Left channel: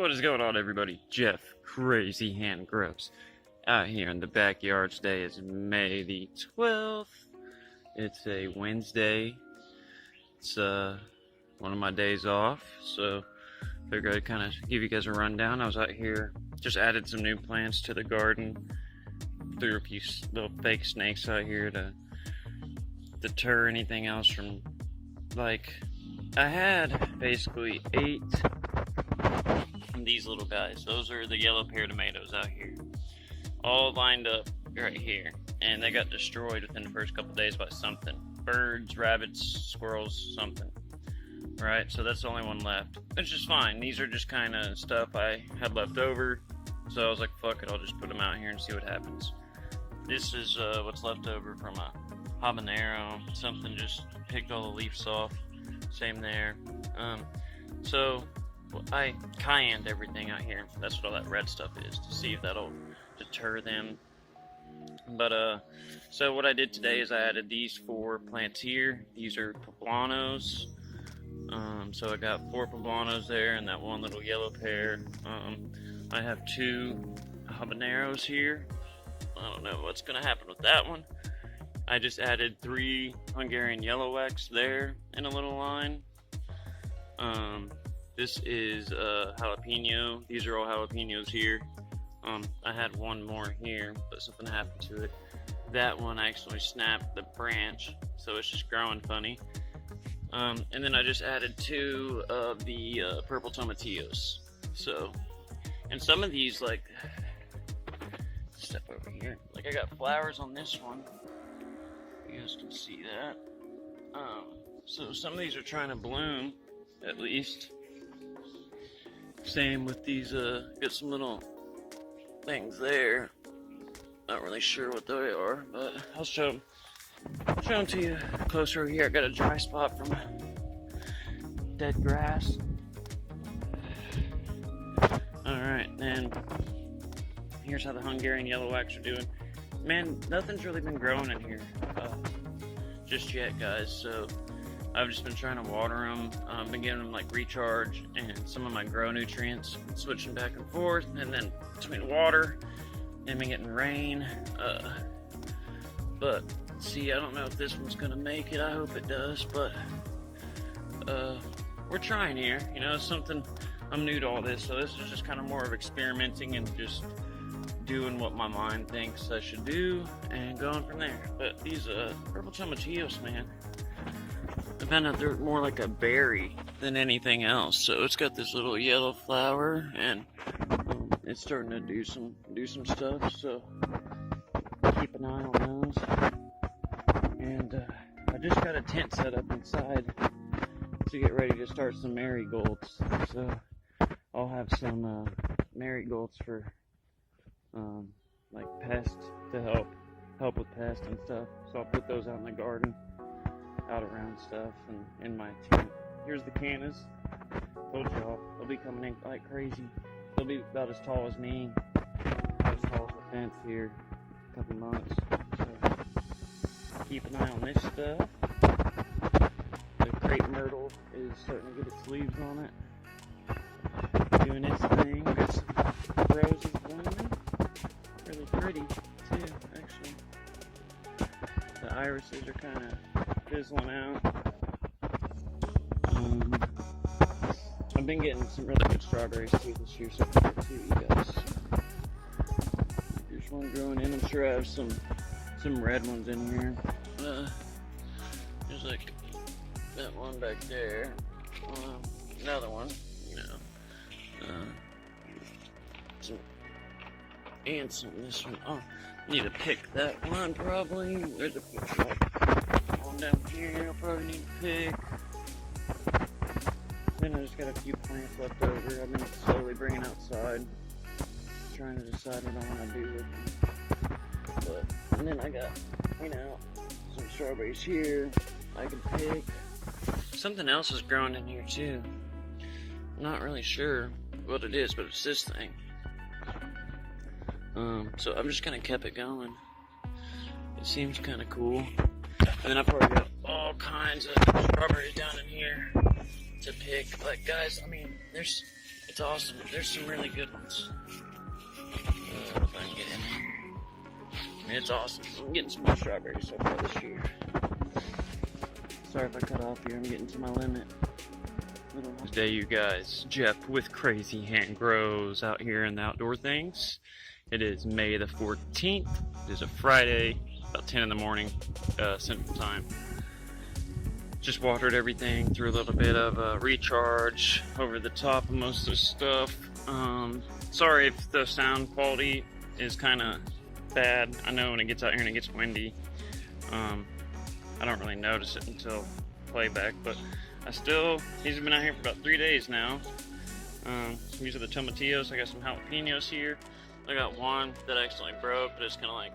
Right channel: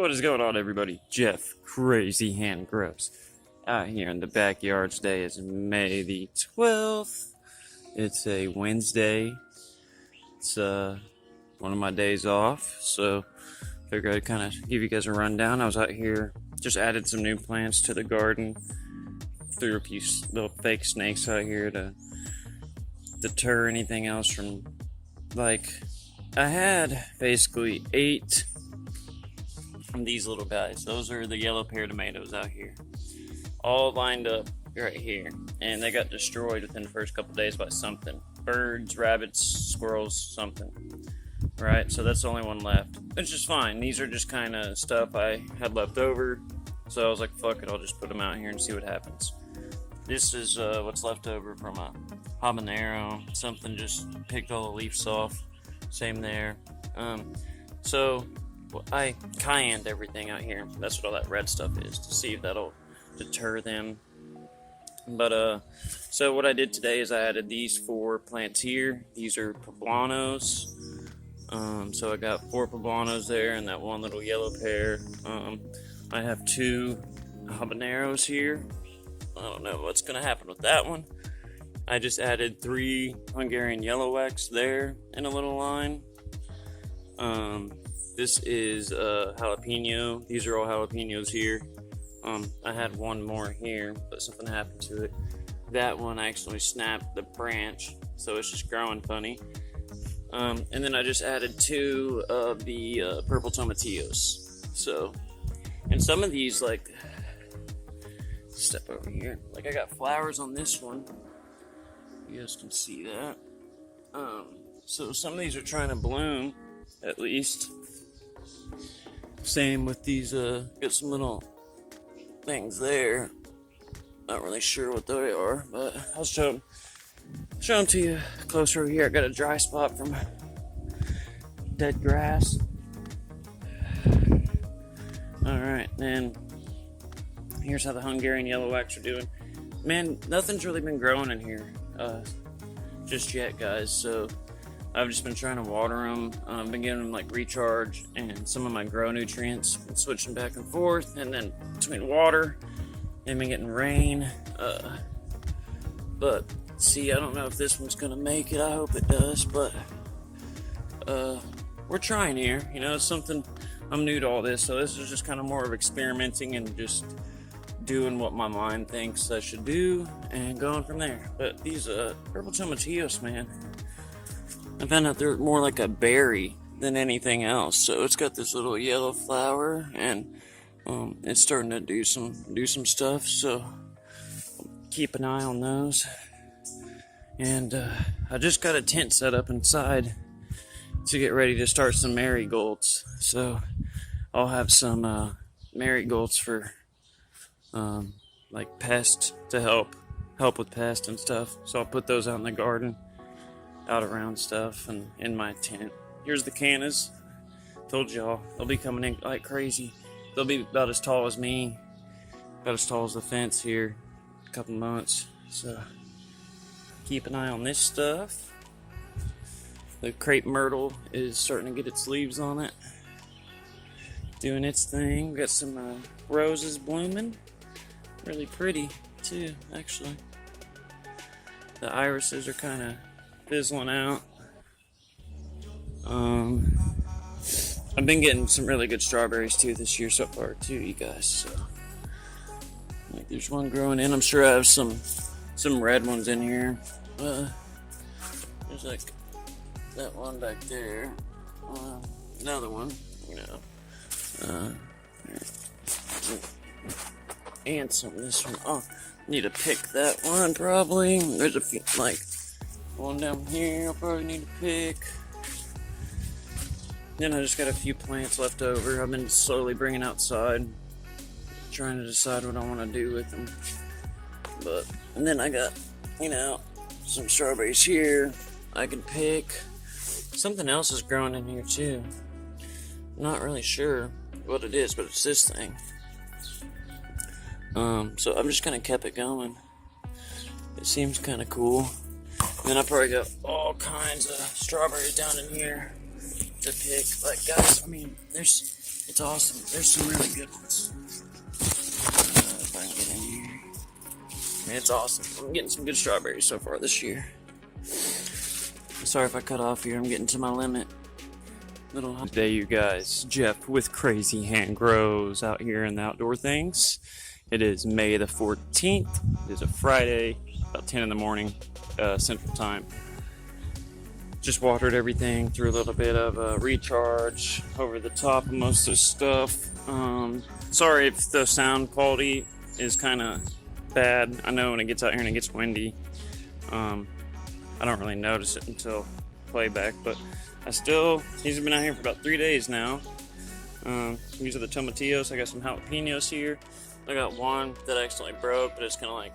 What is going on, everybody? Jeff Crazy Hand Gross out here in the backyard. Today is May the 12th. It's a Wednesday. It's one of my days off, so figured I'd kind of give you guys a rundown. I was out here, just added some new plants to the garden. Threw a few little fake snakes out here to deter anything else from, like, I had basically 8 these little guys. Those are the yellow pear tomatoes out here, all lined up right here, and they got destroyed within the first couple days by something. Birds, rabbits, squirrels, something. Right, so that's the only one left, which is fine. These are just kind of stuff I had left over, so I was like, fuck it, I'll just put them out here and see what happens. This is what's left over from a habanero. Something just picked all the leaves off. Same there. So I cayenned everything out here. That's what all that red stuff is, to see if that'll deter them. But so what I did today is I added these 4 plants here. These are poblanos. So I got 4 poblanos there and that one little yellow pear. I have 2 habaneros here. I don't know what's gonna happen with that one. I just added 3 Hungarian yellow wax there in a little line. This is jalapeno. These are all jalapenos here. I had one more here, but something happened to it. That one actually snapped the branch, so it's just growing funny. And then I just added 2 of the purple tomatillos. So, and some of these, like, step over here. Like, I got flowers on this one. You guys can see that. So some of these are trying to bloom, at least. Same with these, got some little things there. Not really sure what they are, but I'll show them to you closer here. I got a dry spot from dead grass. Alright, then here's how the Hungarian yellow wax are doing. Man, nothing's really been growing in here just yet, guys, so I've just been trying to water them, been getting them, like, recharge and some of my grow nutrients, switching back and forth, and then between water, and been getting rain, but see, I don't know if this one's gonna make it. I hope it does, but we're trying here, you know. It's something, I'm new to all this, so this is just kind of more of experimenting and just doing what my mind thinks I should do and going from there. But these purple tomatillos, man, I found out they're more like a berry than anything else. So it's got this little yellow flower, and it's starting to do some stuff. So keep an eye on those. And I just got a tent set up inside to get ready to start some marigolds. So I'll have some marigolds for like pests, to help with pests and stuff. So I'll put those out in the garden, out around stuff, and in my tent. Here's the cannas. Told y'all, they'll be coming in like crazy. They'll be about as tall as me, about as tall as the fence here in a couple months. So keep an eye on this stuff. The crepe myrtle is starting to get its leaves on it, doing its thing. We got some roses blooming, really pretty too, actually. The irises are kind of fizzling out. I've been getting some really good strawberries too this year so far too, you guys. So, like, there's one growing in. I'm sure I have some red ones in here. There's like that one back there. Another one. And some of this one. Oh, need to pick that one probably. There's a few, like one down here I'll probably need to pick. Then I just got a few plants left over. I've been slowly bringing outside, trying to decide what I want to do with them. And then I got, you know, some strawberries here I can pick. Something else is growing in here too. Not really sure what it is, but it's this thing. So I'm just kind of kept it going. It seems kind of cool. Then I probably got all kinds of strawberries down in here to pick. Like, guys, I mean, It's awesome. There's some really good ones. It's awesome. I'm getting some good strawberries so far this year. Sorry if I cut off here. I'm getting to my limit. Little day, you guys. Jeff with Crazy Hand Grows out here in the outdoor things. It is May the 14th. It is a Friday, about 10 in the morning, Central Time. Just watered everything, threw a little bit of a recharge over the top of most of the stuff. Sorry if the sound quality is kind of bad. I know when it gets out here and it gets windy, I don't really notice it until playback, but these have been out here for about 3 days now. These are the tomatillos. I got some jalapenos here. I got one that accidentally broke, but it's kind of like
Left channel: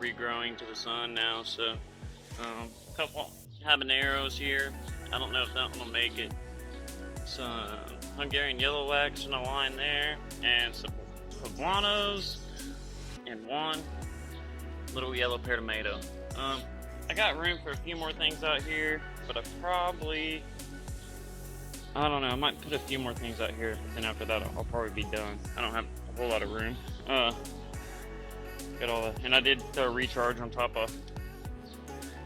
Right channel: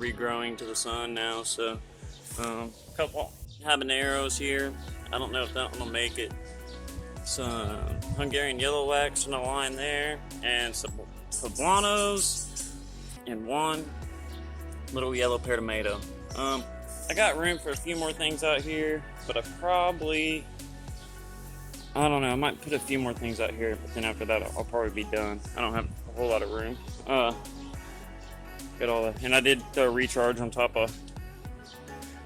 regrowing to the sun now. So, a couple habaneros here. I don't know if that one will make it. Some Hungarian yellow wax on the line there, and some poblanos, and one little yellow pear tomato. I got room for a few more things out here, but I don't know, I might put a few more things out here, then after that I'll probably be done. I don't have a whole lot of room. Got all that. And I did the recharge on top of,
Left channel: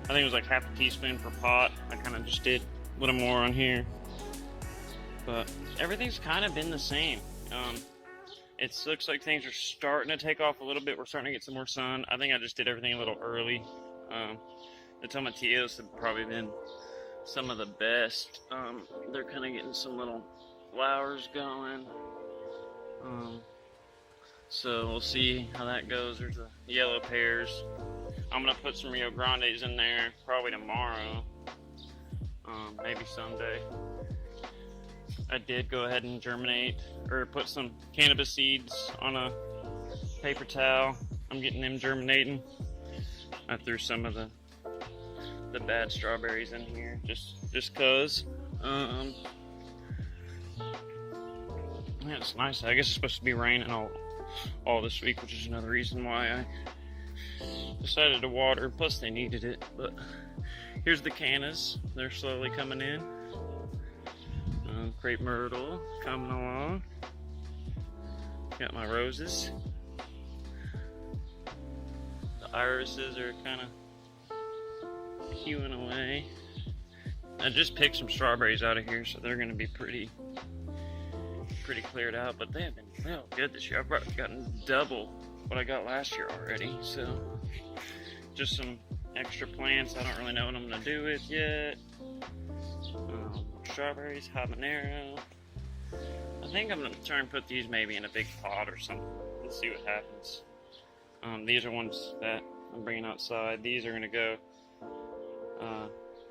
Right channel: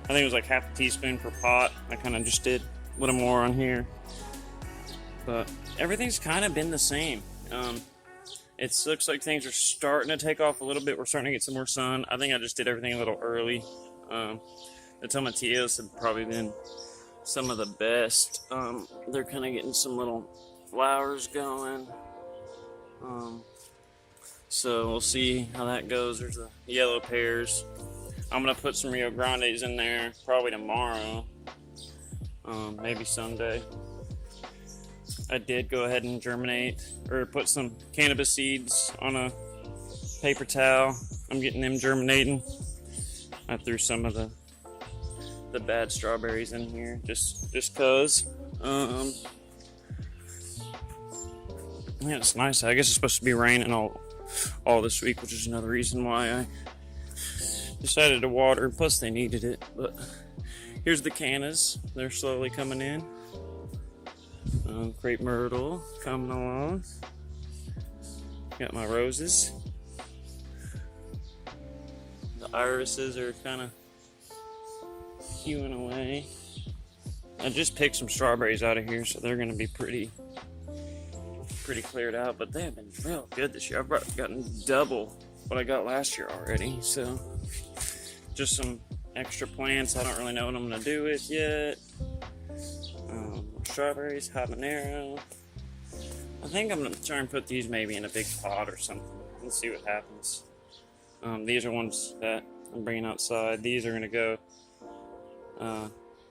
I think it was like half a teaspoon per pot. I kind of just did a little more on here. But everything's kind of been the same. It looks like things are starting to take off a little bit. We're starting to get some more sun. I think I just did everything a little early. The tomatillos have probably been some of the best. They're kind of getting some little flowers going. So we'll see how that goes. There's the yellow pears. I'm gonna put some Rio Grandes in there probably tomorrow. Maybe Sunday. I did go ahead and germinate or put some cannabis seeds on a paper towel. I'm getting them germinating. I threw some of the bad strawberries in here just cause. Yeah, it's nice. I guess it's supposed to be raining all this week, which is another reason why I decided to water. Plus they needed it. But here's the cannas. They're slowly coming in. Crepe myrtle coming along. Got my roses. The irises are kind of hewing away. I just picked some strawberries out of here, so they're going to be pretty cleared out. But they have been real good this year. I've gotten double what I got last year already. So just some extra plants. I don't really know what I'm going to do with yet. Strawberries, habanero. I think I'm going to try and put these maybe in a big pot or something and see what happens. These are ones that I'm bringing outside. These are going to go,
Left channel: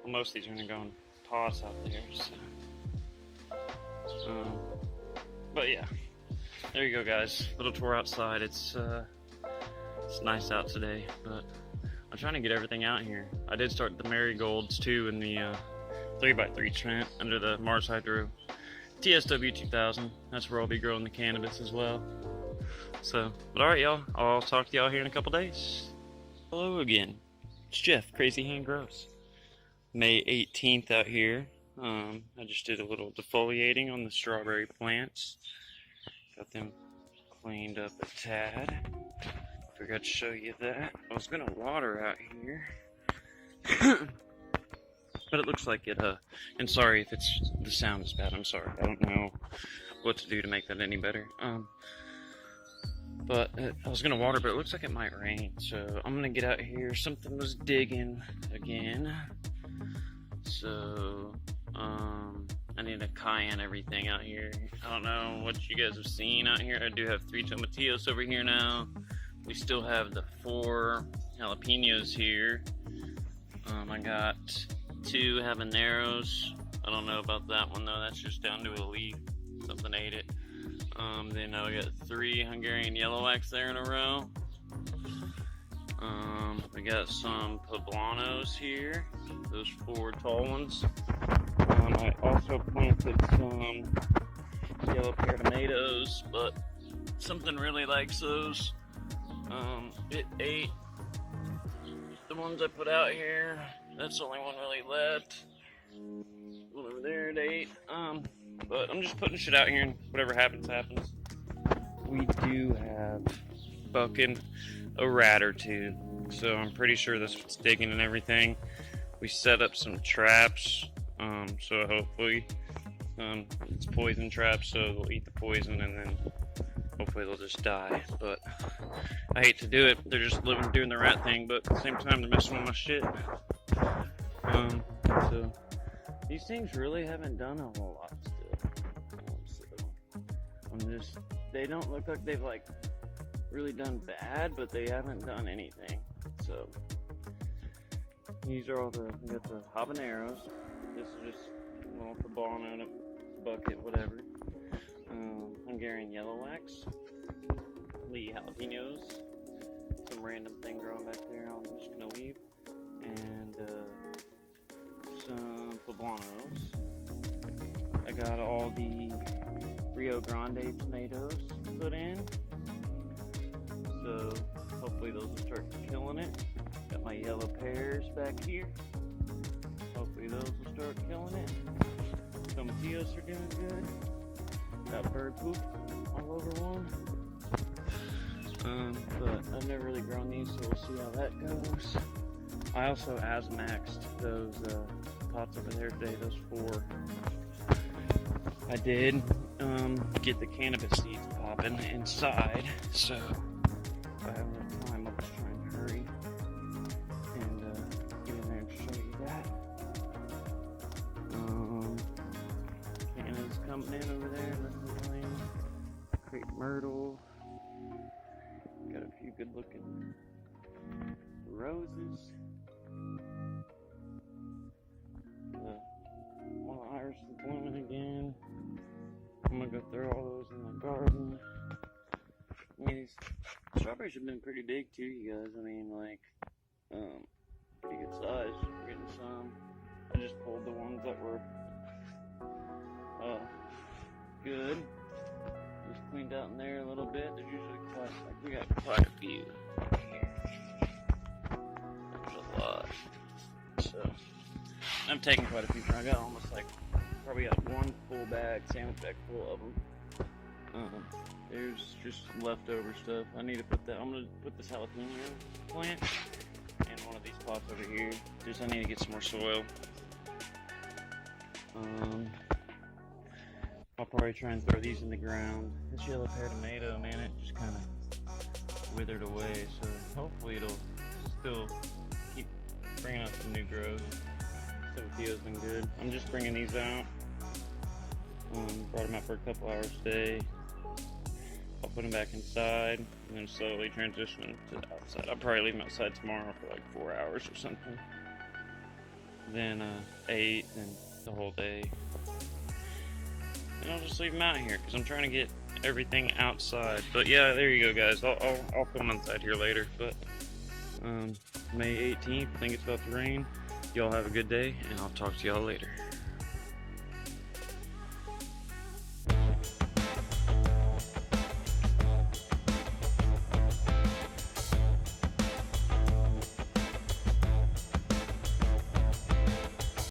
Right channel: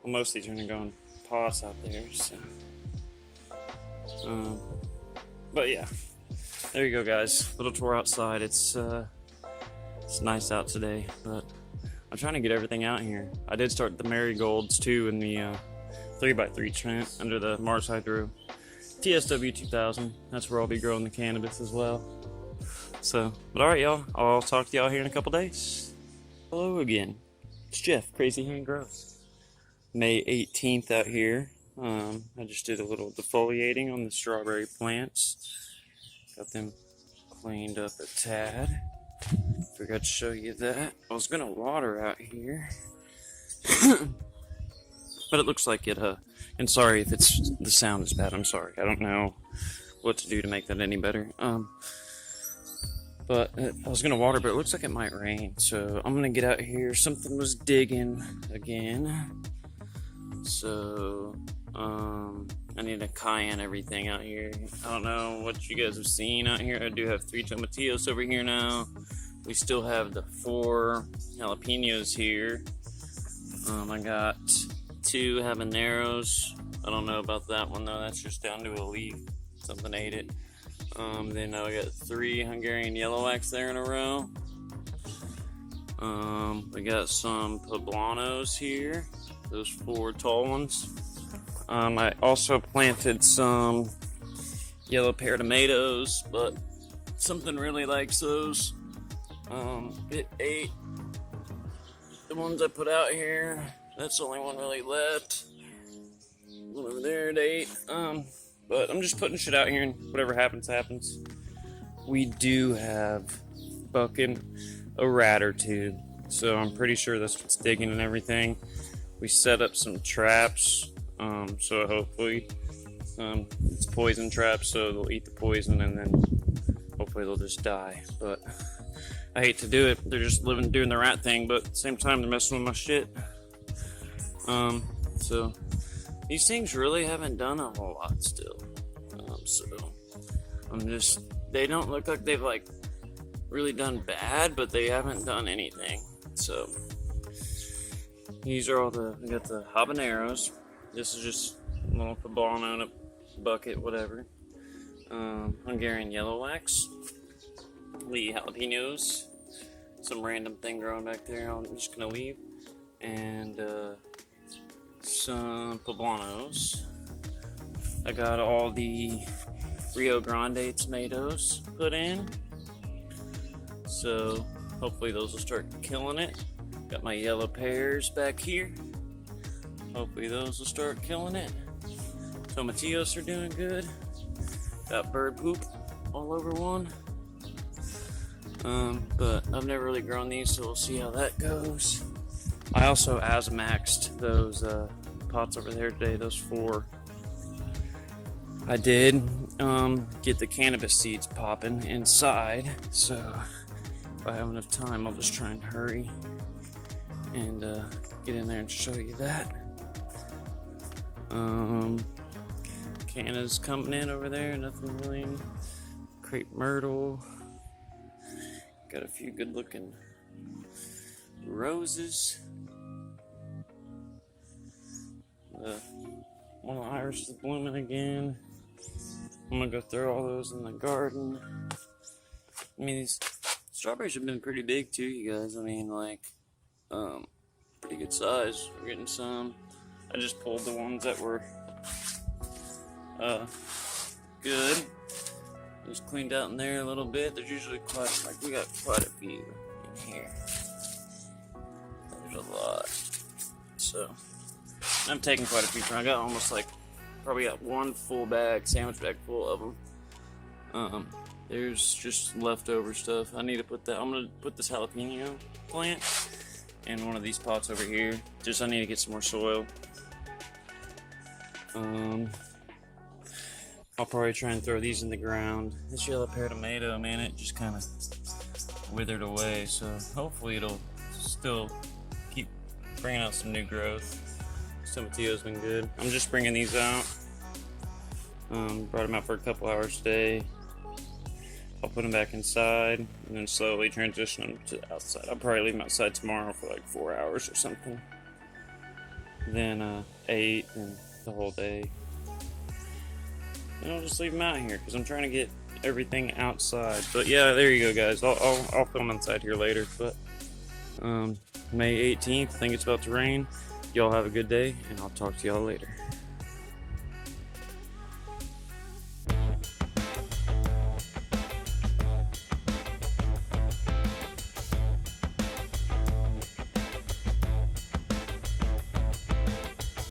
most of these are going to go in pots out there. So. But yeah, there you go, guys. Little tour outside. It's nice out today, but I'm trying to get everything out here. I did start the marigolds too in the 3x3 tent under the Mars Hydro TSW 2000. That's where I'll be growing the cannabis as well. So, but alright, y'all. I'll talk to y'all here in a couple days. Hello again. It's Jeff, Crazy Hand Grows. May 18th out here. I just did a little defoliating on the strawberry plants. Got them cleaned up a tad. Forgot to show you that. I was gonna water out here. But it looks like it, and sorry if the sound is bad, I'm sorry. I don't know what to do to make that any better. But I was gonna water, but it looks like it might rain. So I'm gonna get out here. Something was digging again. So, I need to cayenne everything out here. I don't know what you guys have seen out here. I do have 3 tomatillos over here now. We still have the 4 jalapenos here. I got 2 habaneros. I don't know about that one though. That's just down to a leaf. Something ate it. Then I got 3 Hungarian yellow wax there in a row. We got some poblanos here. Those 4 tall ones. I also planted some yellow pear tomatoes, but something really likes those. It ate the ones I put out here. That's the only one really left. One over there it ate. But I'm just putting shit out here, and whatever happens, happens. We do have fucking a rat or two, so I'm pretty sure that's what's digging and everything. We set up some traps, so hopefully it's poison traps, so they'll eat the poison and then hopefully they'll just die. But I hate to do it. They're just doing the rat thing, but at the same time they're messing with my shit. So these things really haven't done a whole lot still. So they don't look like they've like really done bad, but they haven't done anything. So these are all we got the habaneros. This is just a little cabana in a bucket, whatever. Hungarian yellow wax, Lee jalapenos, some random thing growing back there I'm just gonna leave, and some poblanos. I got all the Rio Grande tomatoes put in, so hopefully those will start killing it. Got my yellow pears back here. Hopefully those will start killing it. Tomatillos are doing good. Got bird poop all over one. But I've never really grown these, so we'll see how that goes. I also Asmaxed those pots over there today, those 4. I did get the cannabis seeds popping inside, so if I have enough time, I'll just try and hurry and get in there and show you that. Canna's coming in over there, nothing really. Crepe myrtle. Got a few good looking roses. One of the iris is blooming again. I'm gonna go throw all those in the garden. I mean, these strawberries have been pretty big too, you guys. I mean, like, pretty good size. We're getting some. I just pulled the ones that were good. Just cleaned out in there a little bit. There's usually we got quite a few here. There's a lot. So, I'm taking quite a few. I got almost probably got one full sandwich bag full of them. There's just leftover stuff. I need to I'm gonna put this jalapeno plant in one of these pots over here. I need to get some more soil. I'll probably try and throw these in the ground. This yellow pear tomato, man, it just kind of withered away. So hopefully it'll still keep bringing out some new growth. Tomatillo's been good. I'm just bringing these out. Brought them out for a couple hours today. I'll put them back inside and then slowly transition them to outside. I'll probably leave them outside tomorrow for 4 hours or something. Then 8 and the whole day. And I'll just leave them out here because I'm trying to get everything outside. But yeah, there you go, guys. I'll film inside here later. But May 18th, I think it's about to rain. Y'all have a good day, and I'll talk to y'all later.